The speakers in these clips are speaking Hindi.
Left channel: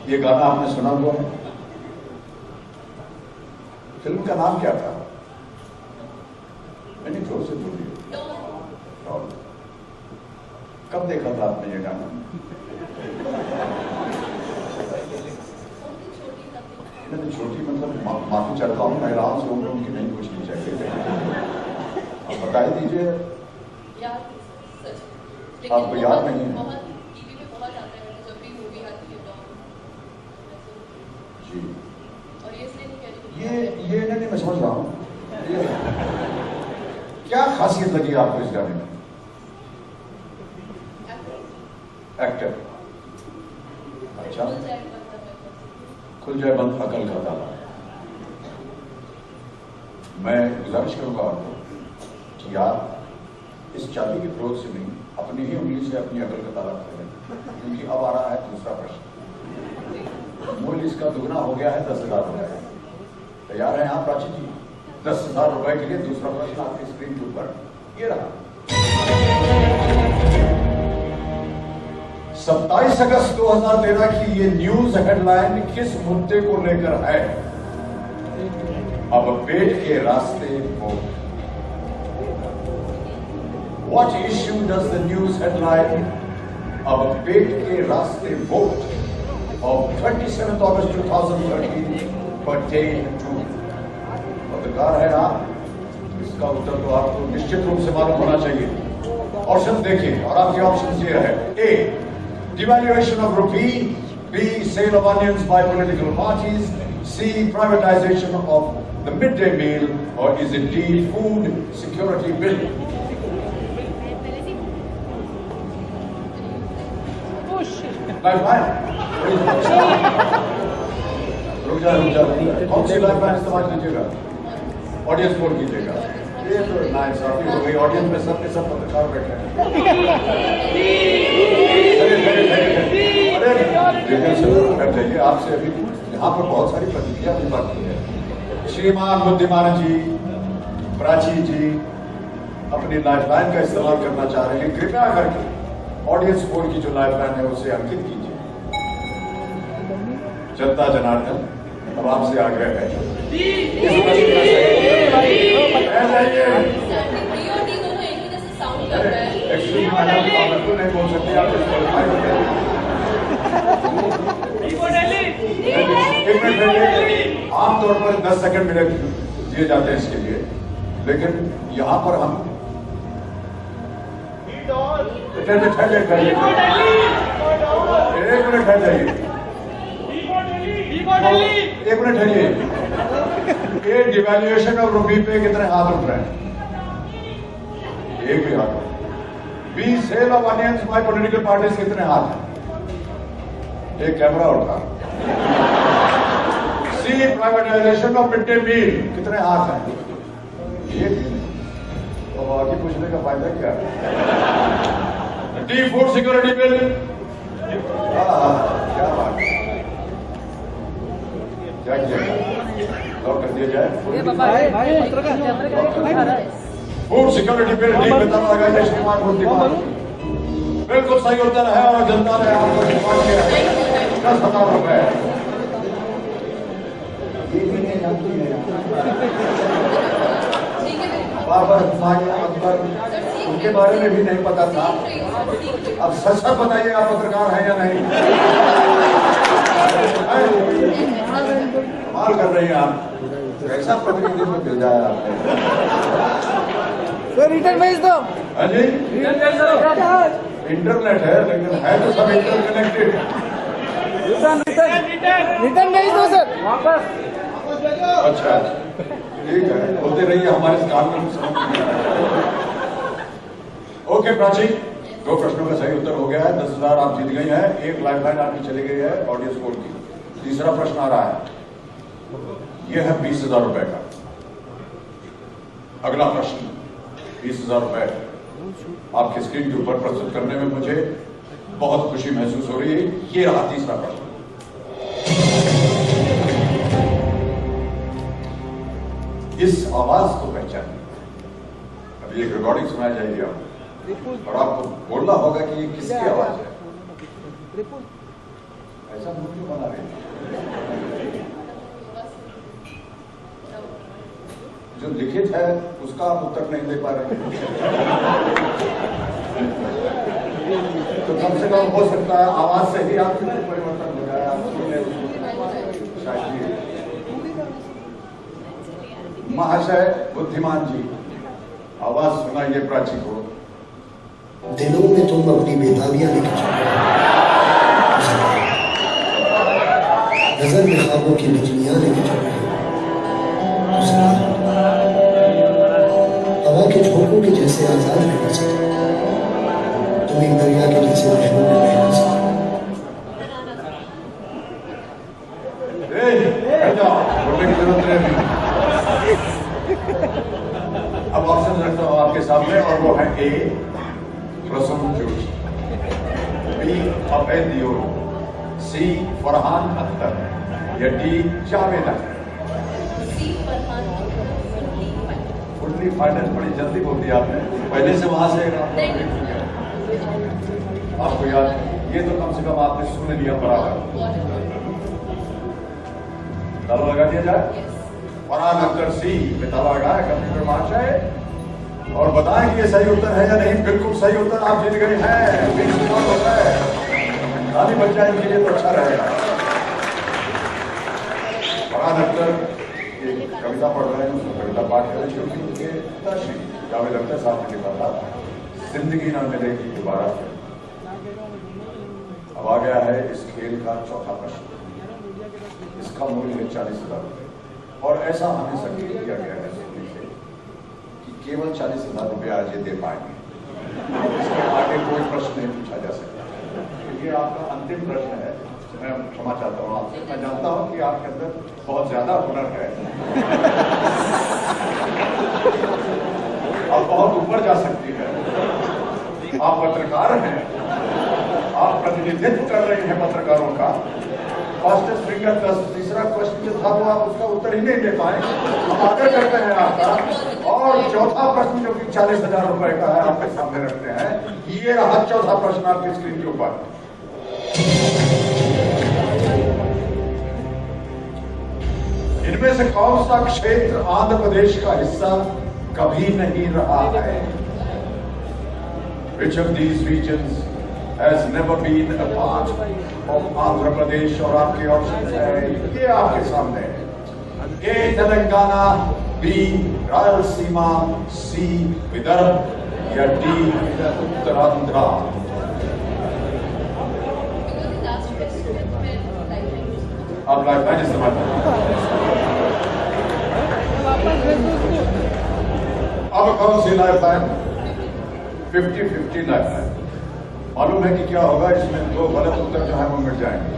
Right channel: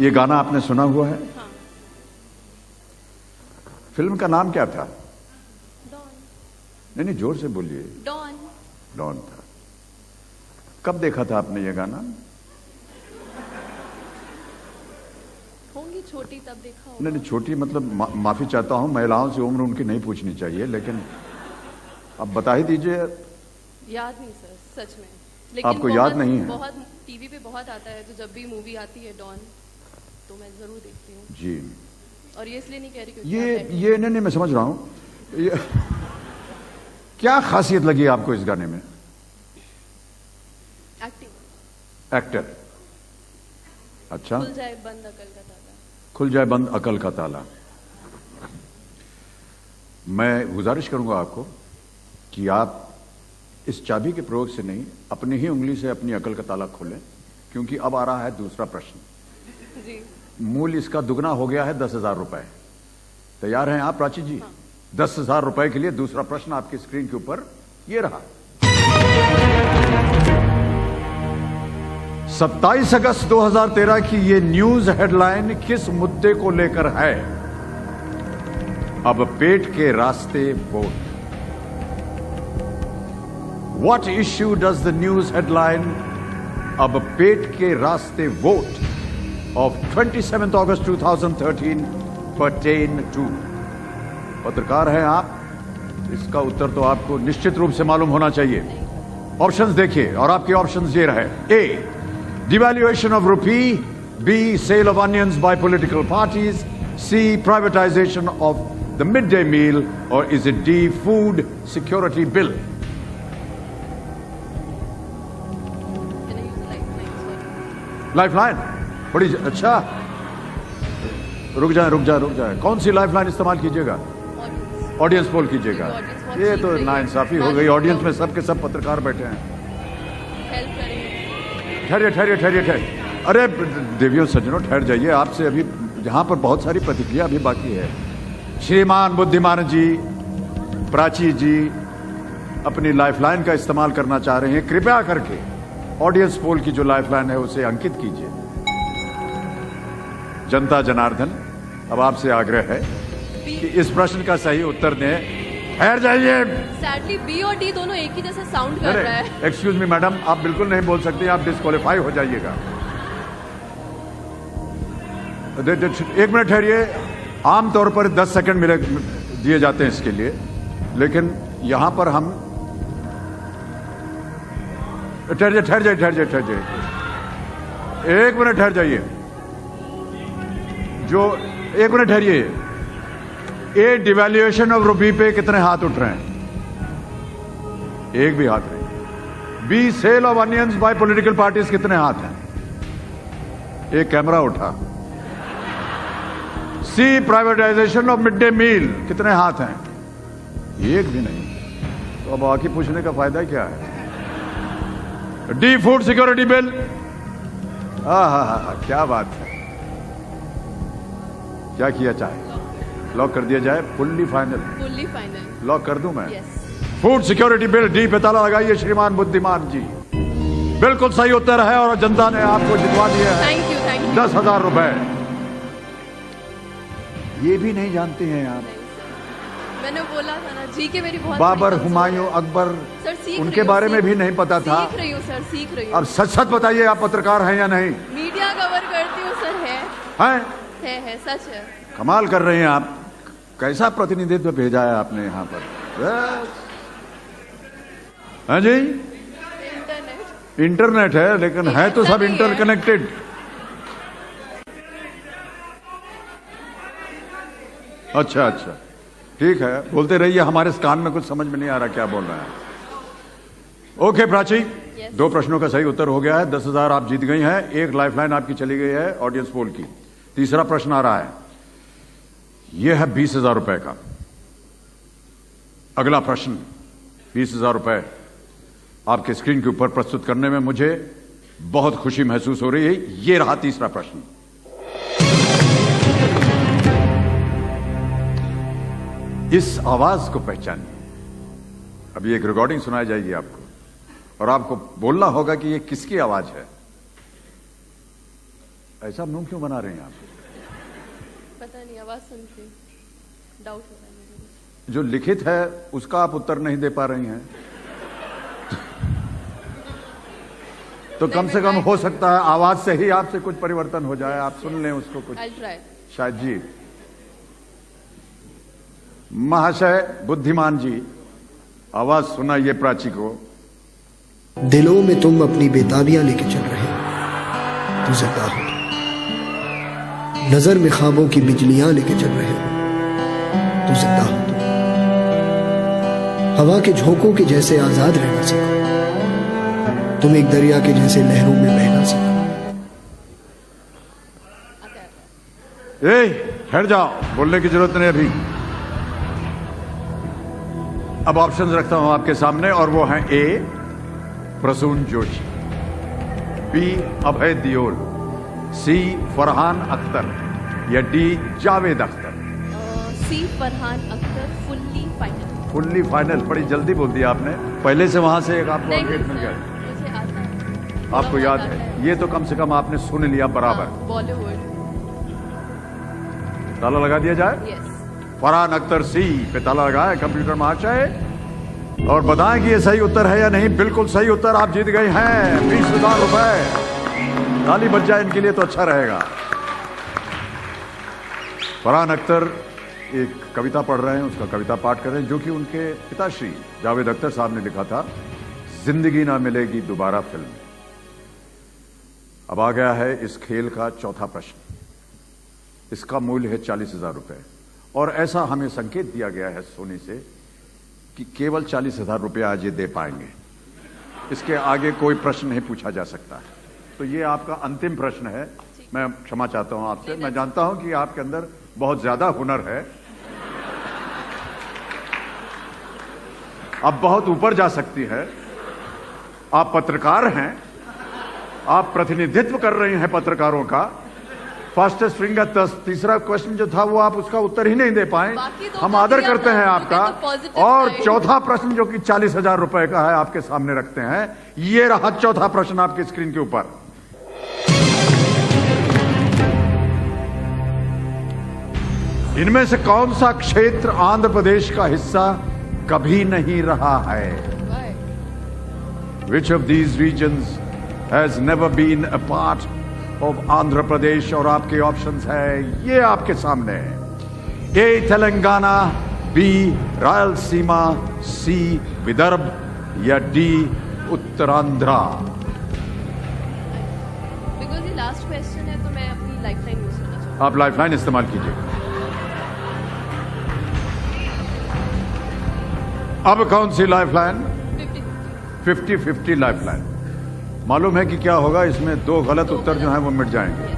ये गाना आपने सुना हुआ है? फिल्म का नाम क्या था? नहीं, जोर से बोलिए। डॉन। कब देखा था आपने ये गाना? नहीं, छोटी मतलब माफी चाहता हूँ, महिलाओं से उम्र उनकी नहीं पूछनी चाहिए, लेकिन अब बता ही दीजिए। आपको याद नहीं है? टीवी पे बहुत आता है, तो जब भी मूवी आती है डॉन जी। और ये इसलिए नहीं कह रही, ये नहीं, मैं समझ रहा हूँ। क्या खासियत लगी आपको इस गाने में? एक्टर। अच्छा। खुल जाए बंद अकल का ताला। मैं गुजारिश करूंगा आपको कि आप इस चाबी के प्रयोग से नहीं, अपनी ही उंगली से अपनी अकल का ताला खोलें, क्योंकि अब आ रहा है दूसरा प्रश्न। मूल्य इसका दुगना हो गया है 10,000 रुपए। तैयार हैं आप प्राची जी? 10,000 रुपए के लिए दूसरा प्रश्न आपकी स्क्रीन के ऊपर ये रहा। 27 अगस्त 2013 की ये न्यूज हेडलाइन किस मुद्दे को लेकर है? अब पेट के रास्ते वो। What issue does the news headline अब पेट के रास्ते vote of 27th August 2013 pertain to? पत्रकार हैं आप, इसका उत्तर तो आपको निश्चित रूप से मालूम होना चाहिए। ऑप्शंस देखिए, और आपके ऑप्शंस ये रहे। ए, devaluation of rupee. B, sale of onions by political parties. C, privatization of the midday meal. Or is it D, food security bill? Lifeline बड़ी अच्छा। रुक जाए। कौन सी लाइफलाइन इस्तेमाल कीजिएगा? ऑडियंस पोल कीजिएगा। ये तो नाइंसाफी हो गई, ऑडियंस में सबके सब पत्रकार बैठे हैं। ठहरे। अरे देखिए सज्जनों, ठहर जाइए। आपसे अभी यहाँ पर बहुत सारी प्रतिक्रिया अभी बाकी है। श्रीमान बुद्धिमान जी, प्राची जी अपनी लाइफलाइन का इस्तेमाल करना चाह रही है। कृपया करके ऑडियंस पोल की जो लाइफलाइन है उसे अंकित कीजिए। जनता जनार्दन, अब आपसे आग्रह है, इस प्रश्न का सही उत्तर दें। ठहर जाइए। एक्सक्यूज मी मैडम, आप बिल्कुल नहीं बोल सकते, आप डिस्क्वालीफाई हो जाइएगा। एक मिनट ठहरिए। आमतौर पर 10 सेकंड मेरे दिए जाते हैं इसके लिए, लेकिन यहां पर हम ठहरिए। एक मिनट ठहर जाइए। एक मिनट ठहरिए। ए, डिवैल्यूएशन ऑफ रुपी पे कितने हाथ उठ रहे हैं? एक भी हाथ। B, sale of onions by political parties, कितने हाथ हैं? एक कैमरा उठा। C, privatization of mid day meal, कितने हाथ हैं? एक भी नहीं। तो अब बाकी पूछने का फायदा क्या है? D, food security bill. हाँ, क्या बात है। क्या किया जाए? लॉक कर दिया जाए। फुल्ली लॉक कर दिया। फूड सिक्योरिटी बिल, डी पे ताला लगाइए श्रीमान बुद्धिमान जी। बिल्कुल सही उत्तर है और जनता ने आपको जितवा दिया है 10,000 रुपए। ये भी नहीं जानते हैं आप? बाबर, हुमायूं, अकबर, उनके बारे में भी नहीं पता था। अब सच बताइए, आप पत्रकार हैं या नहीं? कमाल कर रहे हैं आप। कैसा प्रतिनिधित्व भेजा है आपने? रिटर्न भेज दो। हाँ जी, इंटरनेट है, लेकिन है तो सब इंटरकनेक्टेड। रिटर्न भेज दो सर। अच्छा, ठीक है, बोलते रहिए। हमारे इस काम में कुछ समझ नहीं आ रहा क्या बोल रहा है। ओके प्राची, 2 प्रश्नों का सही उत्तर हो गया है। 10,000 आप जीत गई हैं। एक लाइफलाइन आपकी चली गई है ऑडियंस पोल की। तीसरा प्रश्न आ रहा है, यह है 20,000 रुपए का। अगला प्रश्न 20,000 रुपए आपके स्क्रीन के ऊपर प्रस्तुत करने में मुझे बहुत खुशी महसूस हो रही है। ये रहा तीसरा प्रश्न। इस आवाज को पहचानिए। अभी एक रिकॉर्डिंग सुनाई जाएगी आपको, और आपको बोलना होगा कि ये किसकी आवाज है। ऐसा मुंह क्यों बना रहे हैं? पता नहीं, आवाज़ सुन डाउट। जो लिखित है उसका आप उत्तर नहीं दे पा रहे हैं, तो कम से कम हो सकता है आवाज से ही आपसे कुछ परिवर्तन हो जाए, आप सुन लें उसको शायद। जी महाशय बुद्धिमान जी, आवाज सुनाइए प्राची को। दिलों में तुम अपनी बेताबियां लेके चल रहे हो, तू जरा नजर में ख्वाबों की बिजलियां लेके चल रहे हो, तू जरा हवा के झोंकों के जैसे आजाद रह ना सकते, तुम एक दरिया के जैसे लहरों में बह ना सकते। हट जाओ, बोलने की जरूरत नहीं अभी। अब ऑप्शन रखता हूं आपके सामने और वो है ए प्रसून जोशी, बी अभय दियोल, सी फरहान अख्तर या डी जावेद अख्तर। सी फरहान अख्तर, फुल्ली फाइनल। बड़ी जल्दी बोल दिया आपने, पहले से वहां से आपको याद है, ये तो कम से कम आपने सुन लिया बराबर। ताला लगा दिया जाए। फरहान अख्तर सी पे ताला लगाया कंप्यूटर महाशय और बताएं कि ये सही उत्तर है या नहीं। बिल्कुल सही उत्तर, आप जीत गई हैं 20,000 रुपए। ताली बच जाए इनके लिए तो अच्छा रहेगा। फरहान अख्तर एक कविता पढ़ रहे हैं, उसका कविता पाठ कर रहे हैं, जो कि उनके पिताश्री जावेद अख्तर साहब ने लिखा था, जिंदगी ना मिलेगी दोबारा फिर। अब आ गया है इस खेल का चौथा प्रश्न। इसका मूल्य है 40,000 रुपए और ऐसा हमें संकेत किया गया है सोनी से कि केवल 40,000 रुपये आज ये दे पाएंगे, इसके आगे कोई प्रश्न नहीं पूछा जा सकता। तो ये आपका अंतिम प्रश्न है। मैं क्षमा चाहता हूँ आपसे, मैं जानता हूँ कि आपके अंदर बहुत ज्यादा हुनर है, आप बहुत ऊपर जा सकती है, आप पत्रकार हैं, आप प्रतिनिधित्व कर रहे हैं पत्रकारों का। फर्स्ट स्ट्रिंग का तीसरा क्वेश्चन जो था वो आप उसका उत्तर ही नहीं दे पाए, हम आदर करते हैं आपका। और चौथा प्रश्न जो कि 40,000 रुपए का है आपके सामने रखते हैं, ये रहा चौथा प्रश्न आपकी स्क्रीन के ऊपर। इनमें से कौन सा क्षेत्र आंध्र प्रदेश का हिस्सा कभी नहीं रहा है? Which of these regions has never been a part of Andhra Pradesh? और आपके ऑप्शंस है ये आपके सामने, ए तेलंगाना, बी रायलसीमा, सी विदर्भ या डी उत्तरांध्र। आप लाइफलाइन इस्तेमाल कीजिए। अब कौन सी लाइफलाइन? 50-50 लाइफलाइन। मालूम है कि क्या होगा इसमें? दो गलत उत्तर जो है वो मिट जाएंगे।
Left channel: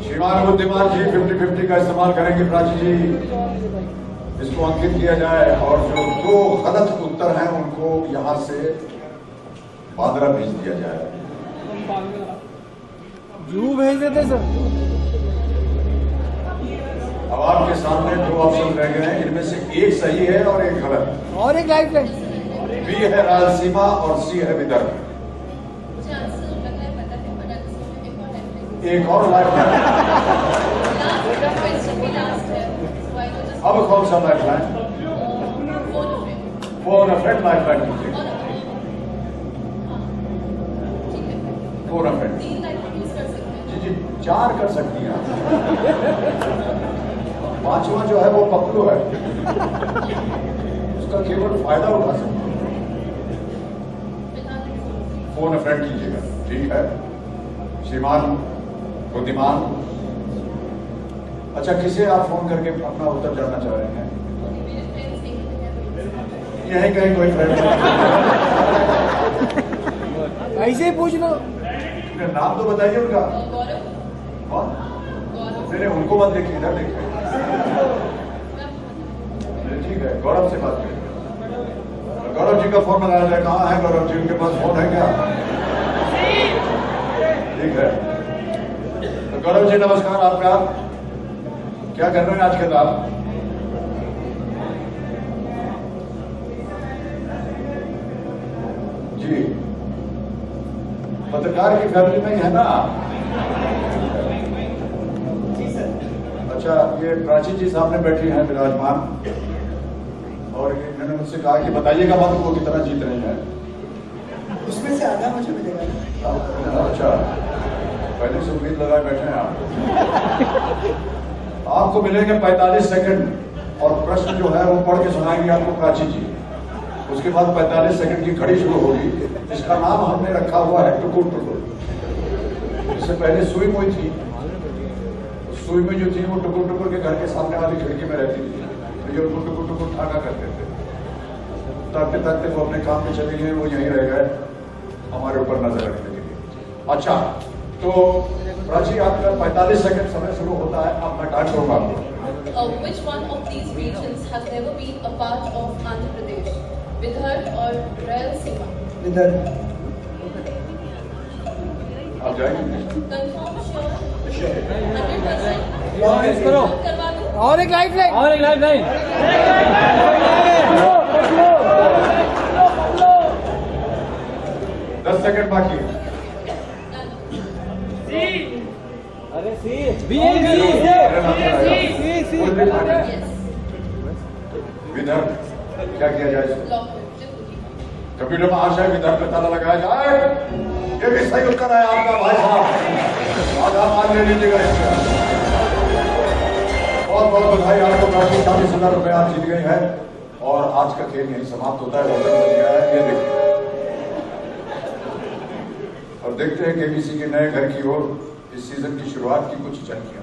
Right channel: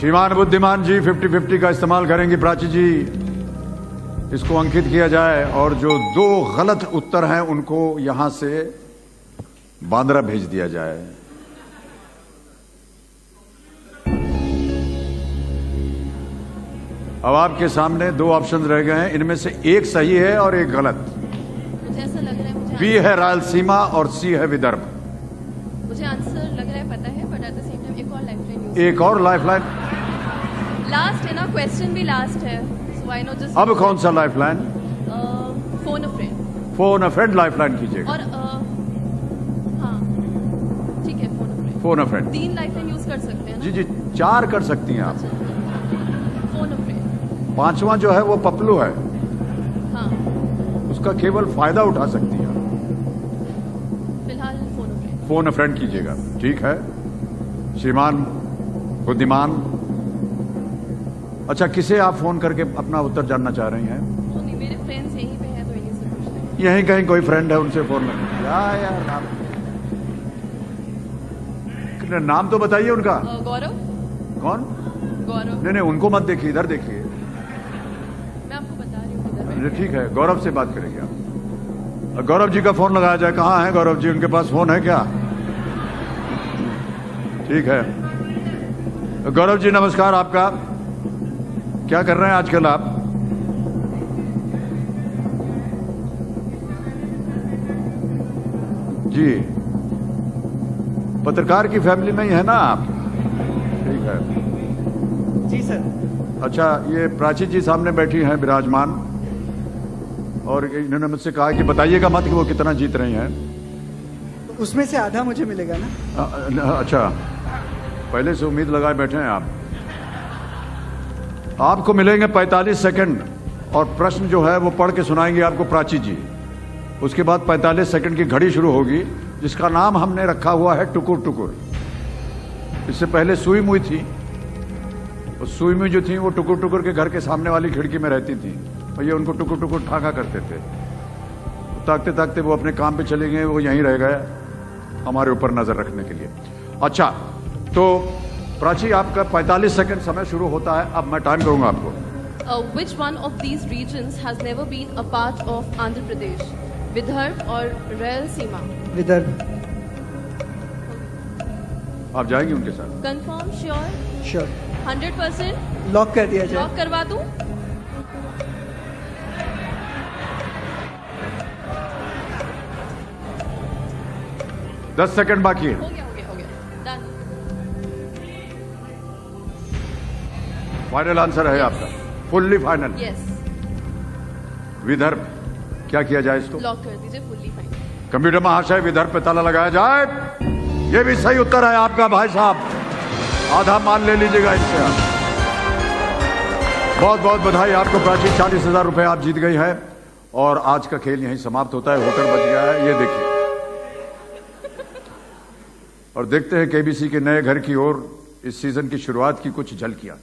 श्रीमान बुद्धिमान जी 50-50 का इस्तेमाल करेंगी। प्राची जी, इसको अंकित किया जाए और जो दो गलत उत्तर हैं उनको यहां से बांद्रा भेज दिया जाए। जू भेज देते सर। अब आपके सामने दो ऑप्शन रह गए हैं, इनमें से एक सही है और एक गलत। और एक लाइफ लाइन, बी है रायलसीमा और सी है विदर्भ। मुझे आंसर लग रहा है पता है, बट एक और लाइफलाइन। लास्ट है ना, क्वेश्चन भी लास्ट है। व्हाई नॉट जस्ट अब कौन सा लाइफलाइन? फोन अ फ्रेंड। फोन अ फ्रेंड लाइफलाइन कीजिएगा। और हाँ ठीक है, फोन अ फ्रेंड 3 लाइफलाइन यूज कर सकते हैं। जी 4 कर सकती हैं आप। 5वां जो है वो पपलू है, उसका केवल फायदा उठा सकती है। फिलहाल फोन अ फ्रेंड कीजिएगा। ठीक है श्रीमान बुद्धिमान। अच्छा, किसे आप फोन करके अपना उत्तर जानना चाह रहे हैं? मेरे फ्रेंड्स यही कहते हैं। यहीं कहीं कोई फ्रेंड है उससे? ऐसे ही पूछ लो। नाम तो बताइए उनका। गौरव। कौन? गौरव। नहीं उनको मत देखिए, इधर देखिए। ठीक है, गौरव से बात करेंगे। गौरव जी का फोन लगाया जाए। कहाँ है गौरव जी? उनके पास फोन है क्या? ठीक है, तो गौरव जी नमस्कार। आपका क्या कर रहे हैं आजकल आप? जी पत्रकार की फैमिली में ही है ना? अच्छा, ये प्राची जी सामने बैठी हैं विराजमान, और इन्होंने मुझसे कहा कि बताइएगा मत कि वो कितना जीत रही हैं। उसमें से आधा मुझे मिलेगा ना। अच्छा, पहले से उम्मीद लगाए बैठे हैं आप। आपको मिलेंगे 45 सेकंड, और प्रश्न जो है वो पढ़ के सुनाएंगे आपको प्राची जी। उसके बाद 45 सेकंड की घड़ी शुरू होगी, जिसका नाम हमने रखा हुआ है टुकुर टुकुर। इससे पहले सुई मुई थी, सुई में जो थी वो टुकुर टुकुर के घर के सामने वाली खिड़की में रहती थी, तो ये उनको टुकुर टुकुर ठाका करते थे। ताकते ताकते वो अपने काम पे चले गए, वो यहीं रह गए हमारे ऊपर नजर रखने के लिए। अच्छा, तो प्राची आपका 45 सेकंड समय शुरू होता है। अब मैं टाइम दूंगा। Which one of these regions has never been a part of Andhra Pradesh? Vidarbha or Rayalaseema? Vidarbha. आप जाएंगे उनके साथ? Confirm, sure, sure. 100%? लॉक कर दिया। लॉक करवा दूं? और एक लाइट लाइट और एक लाइट लाइट 10 सेकंड बाकी। फाइनल आंसर है आप? Fully final. Yes. विदर्भ, क्या किया जाए इसको? लॉक कर दीजिए fully. कंप्यूटर महाशय, विदर्भ में ताला लगाया जाए। ये भी सही उत्तर है आपका भाई साहब, आधा मान ले लीजिएगा इससे। बहुत बहुत बधाई आपको प्राची, 40,000 रुपये आप जीत गई है। और आज का खेल यहीं समाप्त होता है। होकर बच गया है, ये देखिए। और देखते हैं केबीसी के नए घर की ओर इस सीजन की शुरुआत की कुछ झलकियां।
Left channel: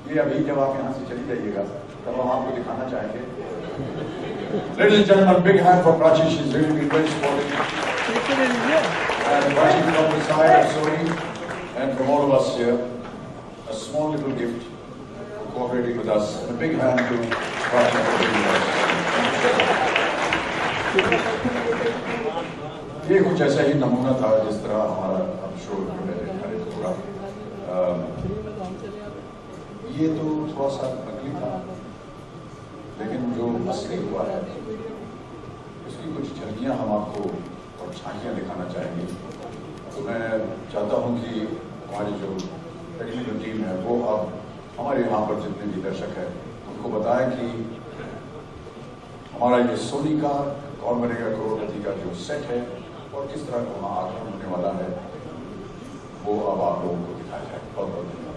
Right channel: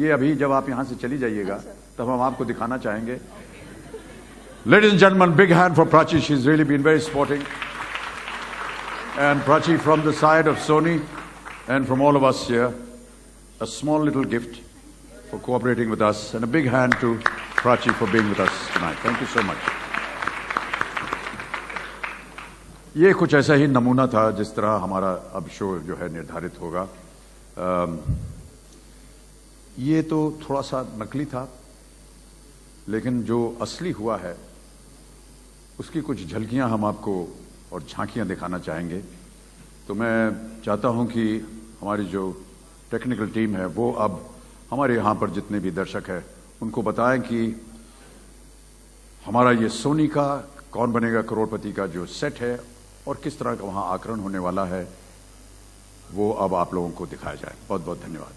ये अभी जब आप यहां से चली जाइएगा तब हम आपको दिखाना चाहेंगे। Ladies and gentlemen, big hand for Prachi. She's really been very sporty. And Prachi, from the side of Sony and from all of us here, a small little gift for cooperating with us, and a big hand to Prachi for being with us. Thank you so much. ये कुछ ऐसा ही नमूना था जिस तरह हमारा अब शो जो है निर्धारित होगा। ये तो थोड़ा सा नकली था, लेकिन जो असली हुआ है उसकी कुछ झलकियां हम आपको और झांकियां दिखाना चाहेंगे। तो मैं चाहता हूं कि हमारी जो टेक्निकल टीम है वो अब हमारे यहाँ पर जितने भी दर्शक हैं उनको बताएं कि हमारा ये सोनी का कौन बनेगा करोड़पति का जो सेट है और किस तरह का वहाँ आकलन होने वाला है, वो अब आप लोगों को दिखाया जाए। बहुत बहुत धन्यवाद।